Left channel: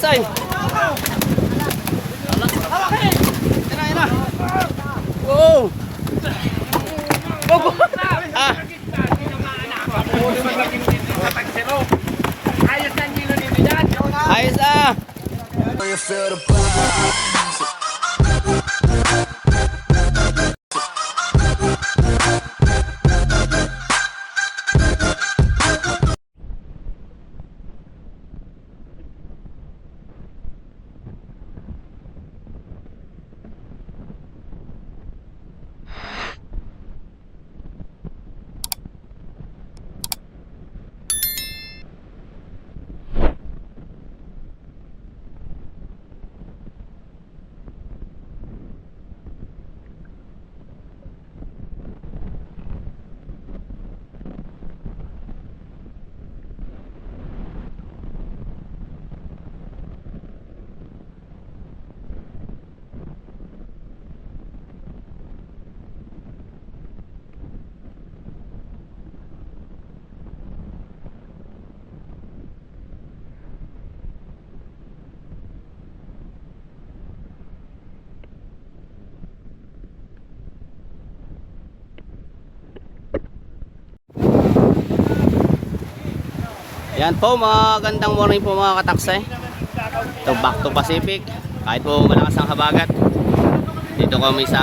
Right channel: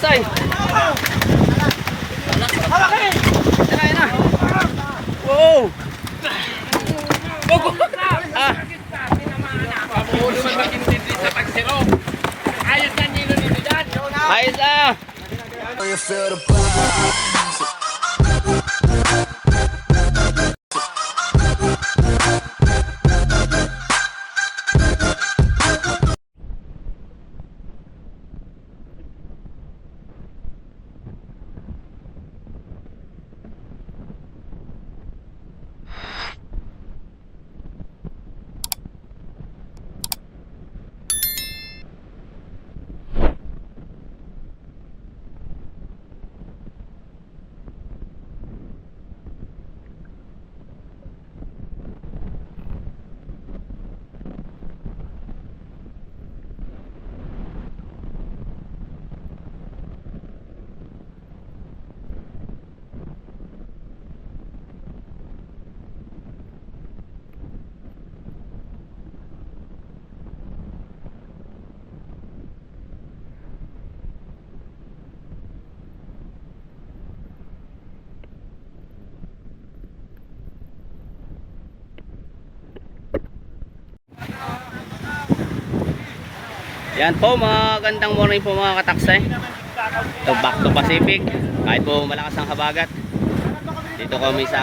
kataksay. Hawakin! Yan na. Wow! Bogo! Ah! Ayos na! Yan po, magandang morning po mga kataksay. So back to Pacific. Kahit po malakas ang habagat, dito kami sa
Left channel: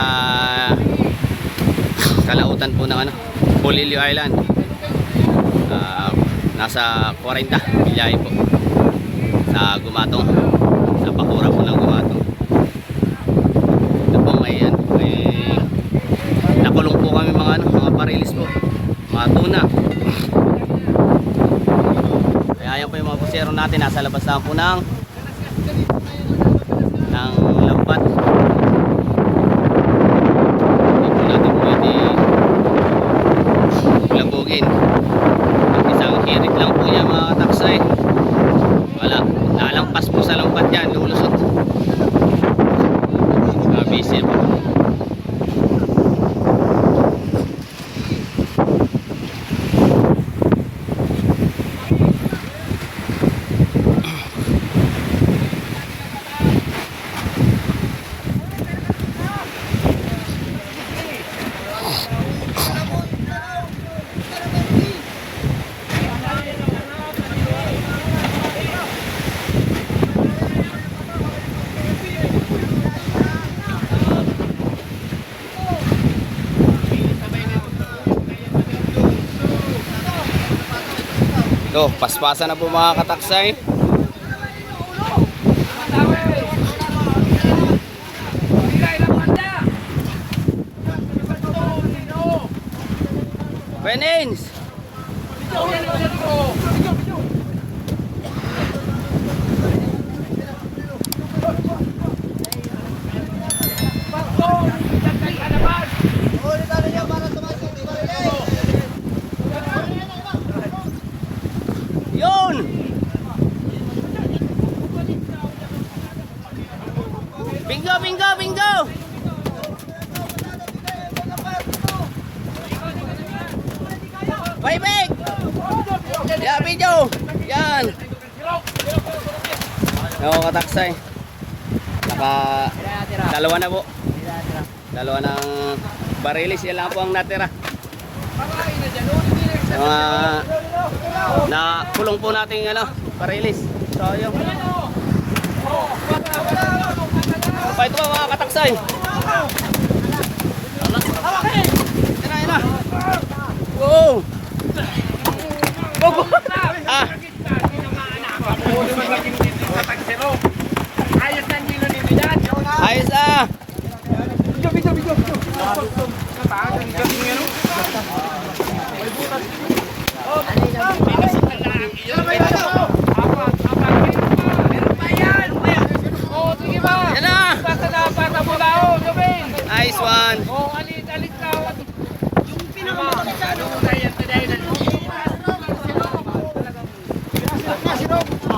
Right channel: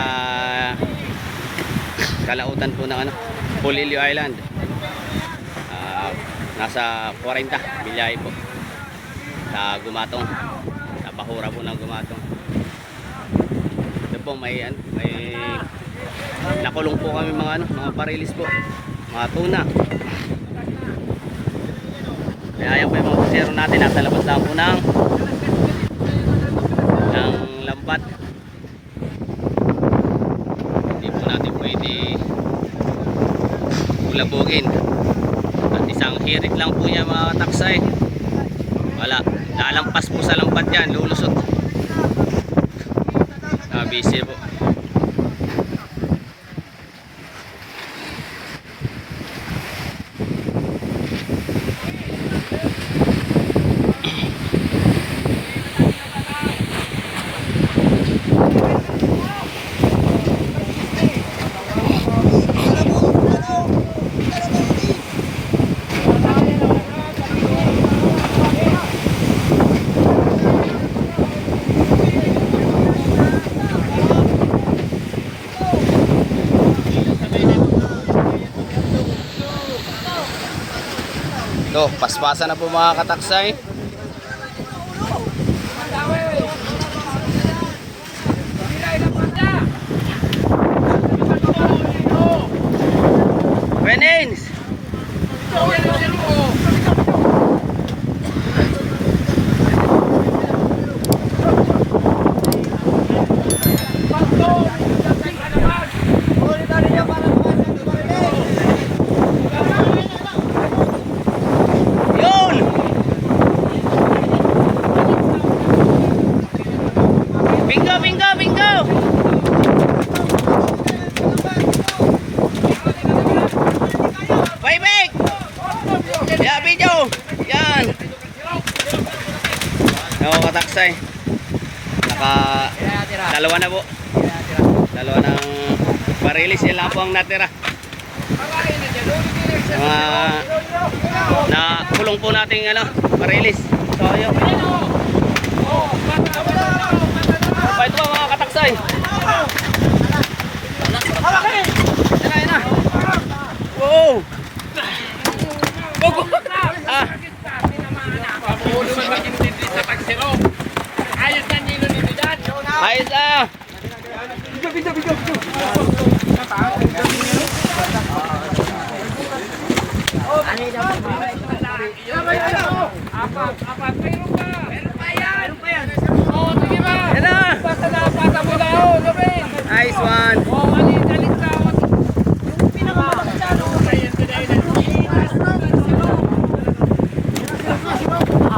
kalautan po ng Polillo Island. Nasa 40 biyahe po sa Gumatong, sa Pakura po ng Gumatong. Ito po may nakulong po kami mga parilis po, mga tuna. Kaya yan po yung mga pusero natin, nasa labas lang po ng lampat. Hindi po natin pwede ulabugin. At isang hirit lang po niya mga taksay. Wala, lalampas po sa lampat yan, lulusot. Busy po. So, paspasan na po mga kataksay. Renins! Bingo! Baybek! Ya, video! Yan! Ako kataksay. Dalawa na po. Dalawa ng parilis. Yan lang po ang natira. Mga nakulong po nating parilis. So, yun. Pa ito mga kataksay. Hawakin! Yan na. Wow! Bogo! Ah! Ayos na! Nice one.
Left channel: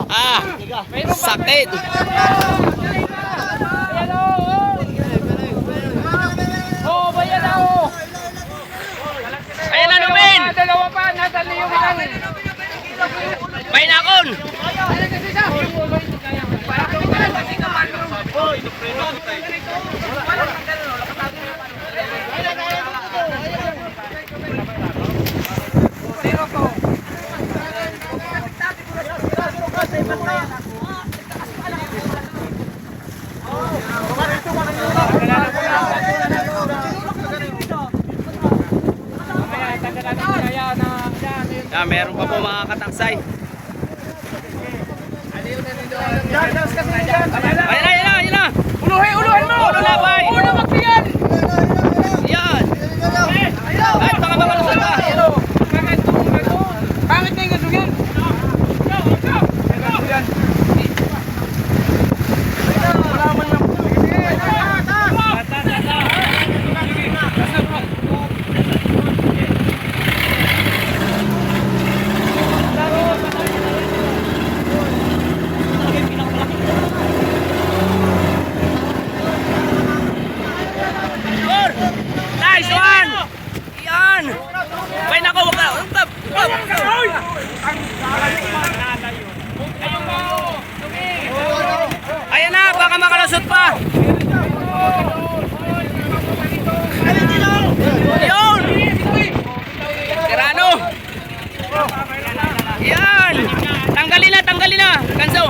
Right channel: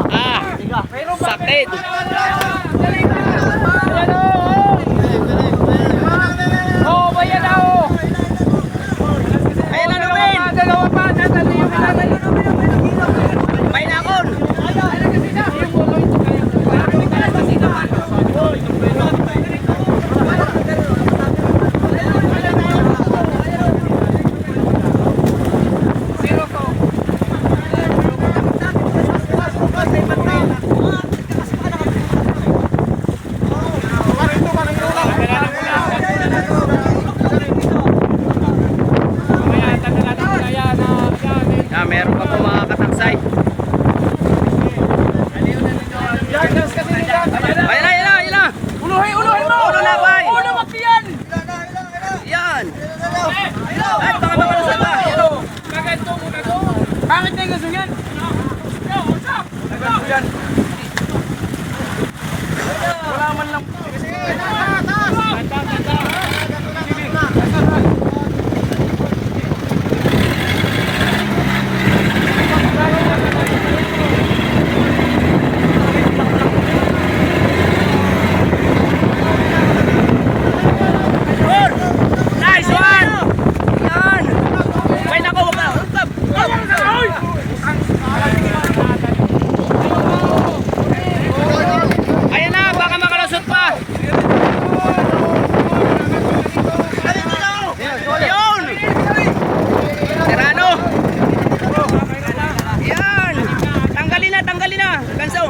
Ah, sakit. Ayan na, Numin. Painakon. meron pa po mga kataksay. Ayan na. Uluhin mo! Ulo na, bay! Ulo magpiyan! Yan. Ay, baka makalusot ka. Pangit na yung gasugin! Wala man lang. Nice one! Yan! Wait ako, wag ka. Ayan na, baka makalusot pa. Yun! Tirano! Yan! Tanggalin na! Ganso!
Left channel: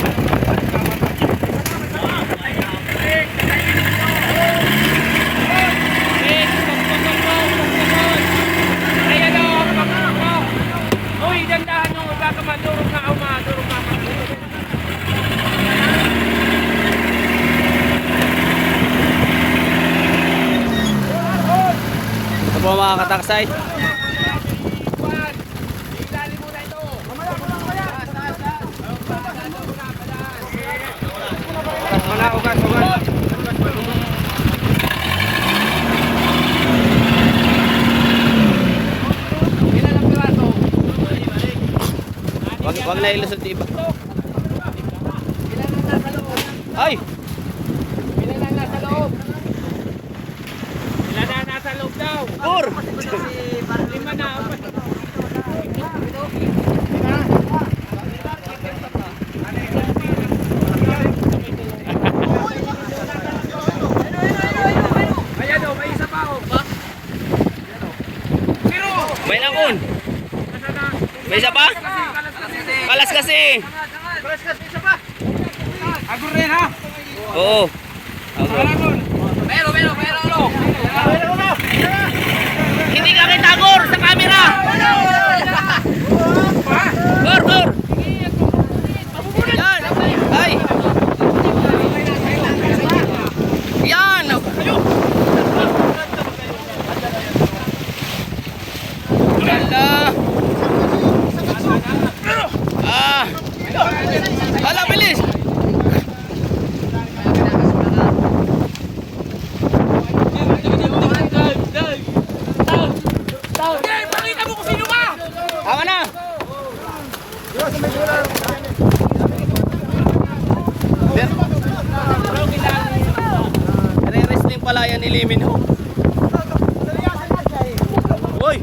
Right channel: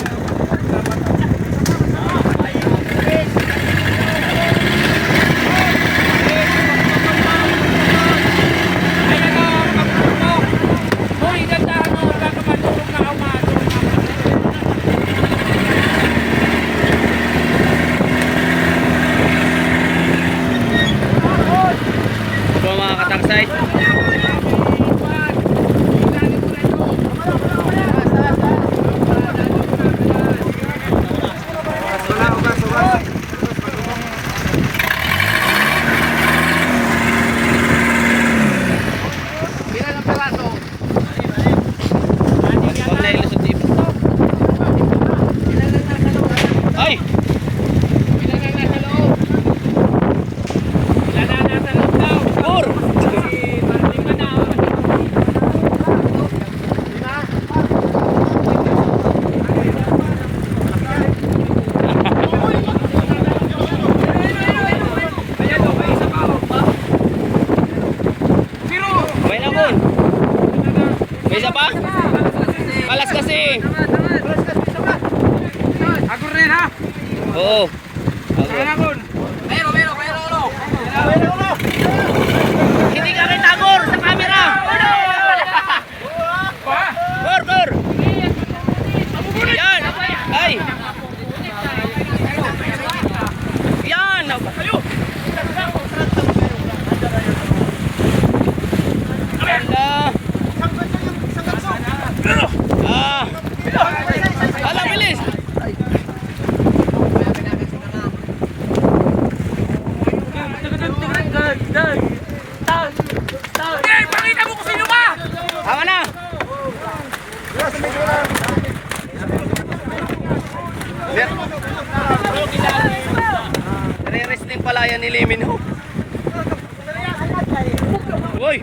Ito po mga kataksay. Wag na ilusot dito. Ay! Kur! May nakon. May isa pa? Kalas kasi. Agur rin ha? Oo. Agor. Pero. Hindi ka kita Gor sa camera. Gor. Yan. Ay. Yan. Ganda. Hala, bilis. Pakita mo kung sino ka! Tama na. Sir. Re-resting pala yan ni Limin ho. Uy.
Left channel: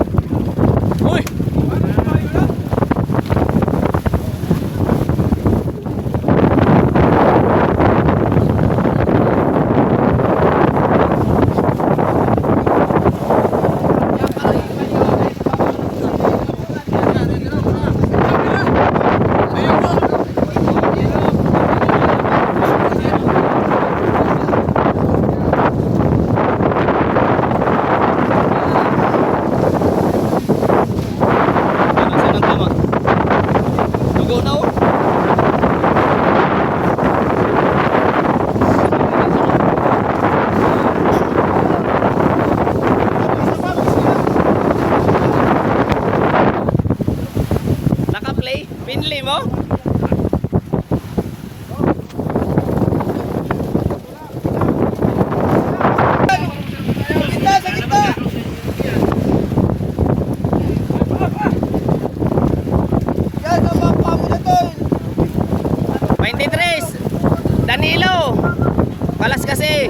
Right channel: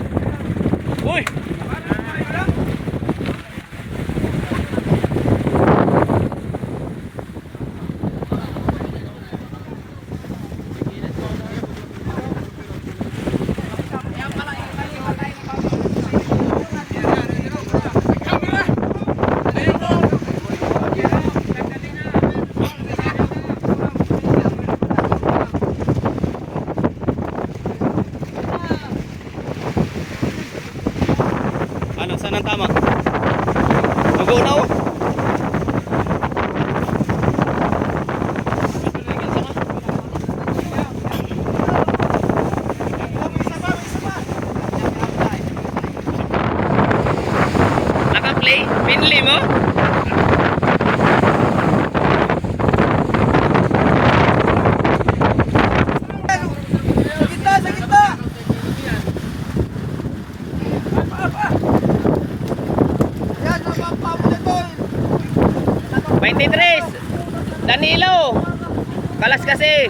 Saan ang tama? Lugo na oh. Naka-play? Pinli mo? Sa gitna! 23 Danilo. Kalas kasi.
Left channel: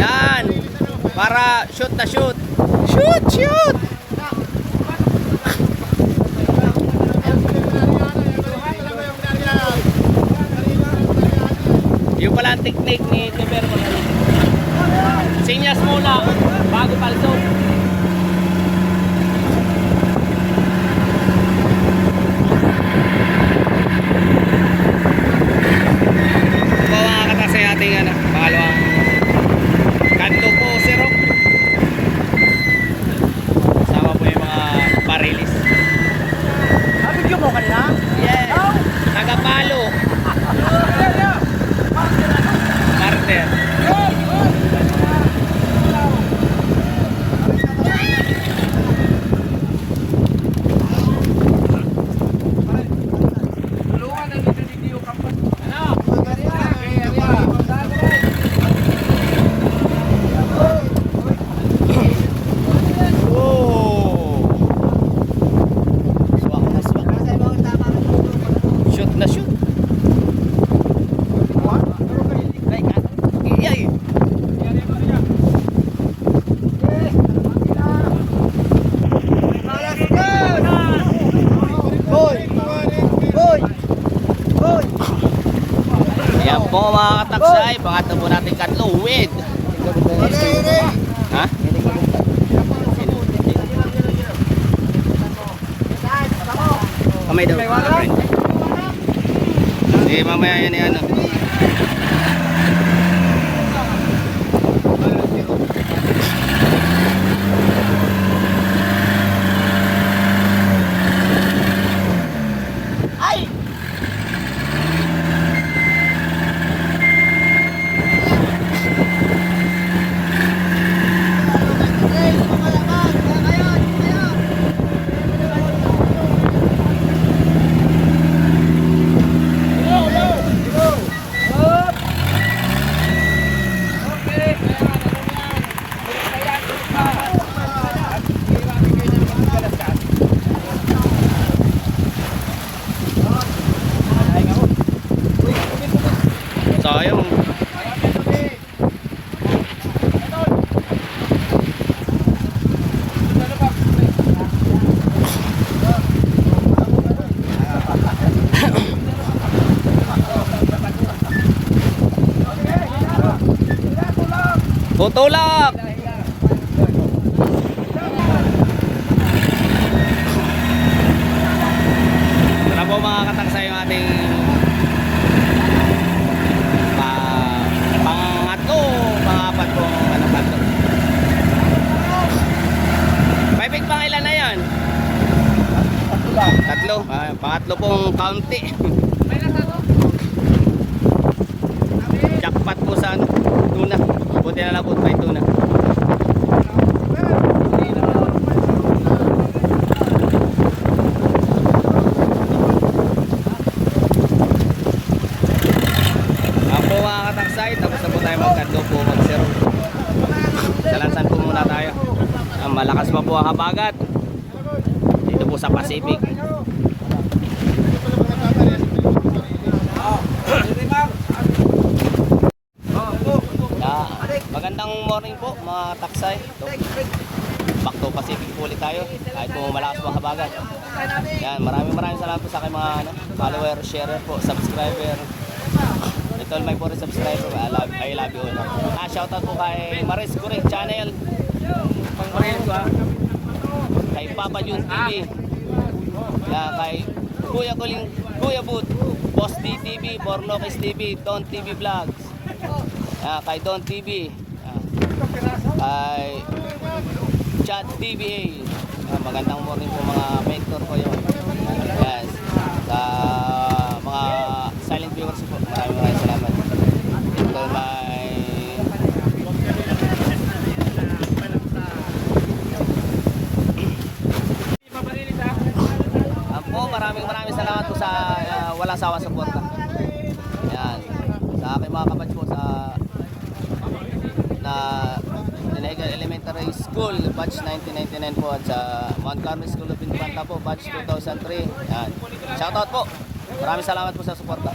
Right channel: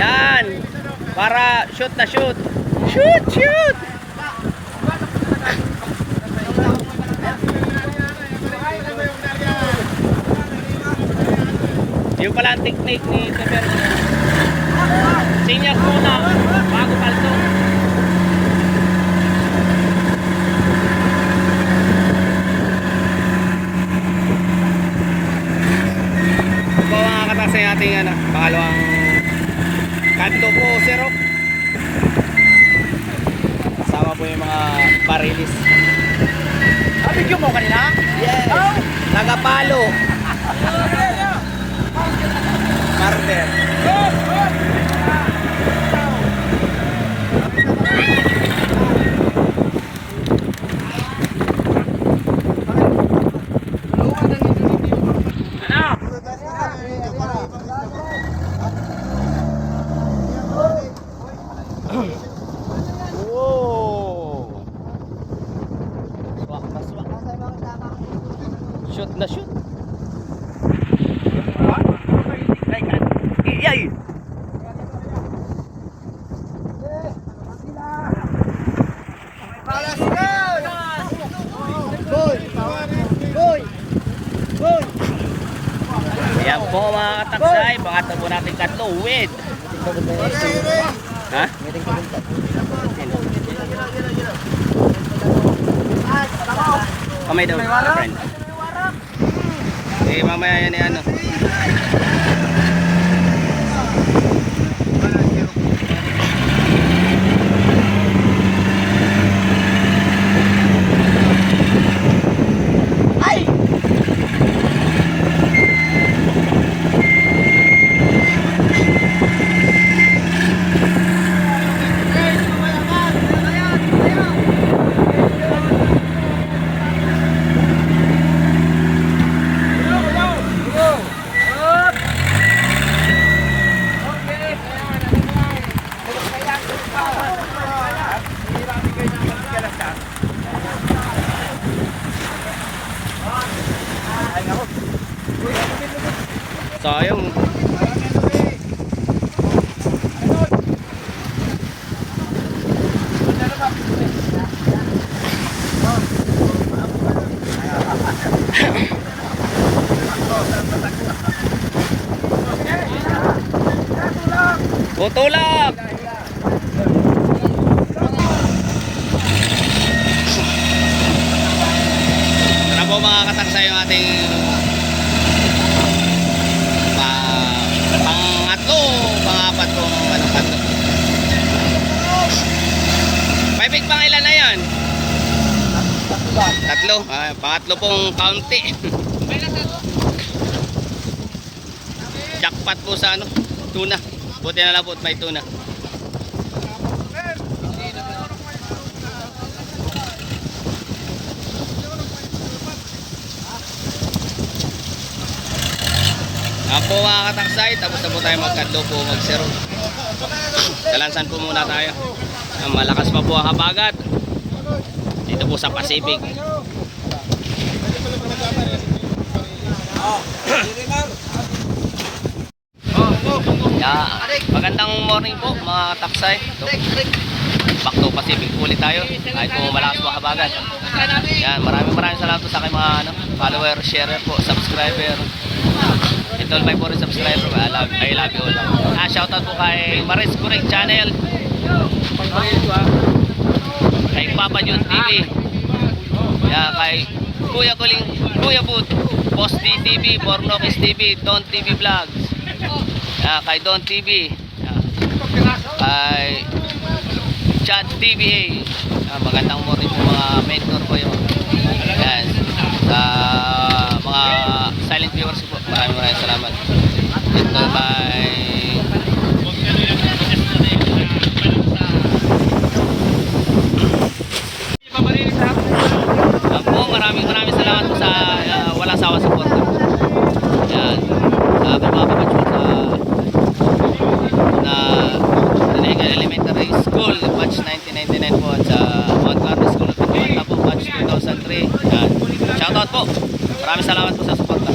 Yan. Para shoot na shoot. Shoot. Yung pala ang technique ni Teper. Sinyas muna bago palso. Sa ating pangalawang kanto po, Sir Rock. Kasama po yung mga Marilis. Video mo kanina? Yes. Oh! Tagapalo. Carter. Wow. Swak na swak. Shoot na shoot. Iyay. Yan po mga kataksay, pangatlo po natin katlo with. Ha? Kamay daw, friend. Eh, mamaya yan eh, ano. Sayang. Butulak. Tara po mga kataksay yung ating pangatlo, pangapat pong anong kanto. Paibig pang ilan na yan? Tatlo. Pangatlo pong county. Jackpot po sa ano, tuna. Buti na lang po may tuna. Po mga kataksay, tapos na po tayo magkadlo po, magsero. Dalansan po muna tayo. Malakas pa po ang habagat dito po sa Pacific. Magandang morning po mga kataksay. Back to Pacific po ulit tayo kahit po malakas po ang habagat. Yan, maraming salamat po sa aking mga follower, sharer po, subscriber. Ito all my foreign subscriber, I love you all. Shoutout po kay Maris Correct Channel, kay Papa Jun TV, kay Kuya Kuling, Kuya Boot, Boss D TV, Pornokis TV, Don TV Vlogs, kay Don TV, kay Chat TVA. Magandang morning po mga mentor ko yun. Yan. Sa mga silent viewers po, maraming salamat. Ito may po, maraming salamat po sa wala sawa support. Yan. Sa aking mga kapatid sa na Nanegal Elementary School, batch 1999 po, at sa Mount Carmel School of Infanta po, batch 2003. Yan. Shoutout po. Maraming salamat po sa suporta.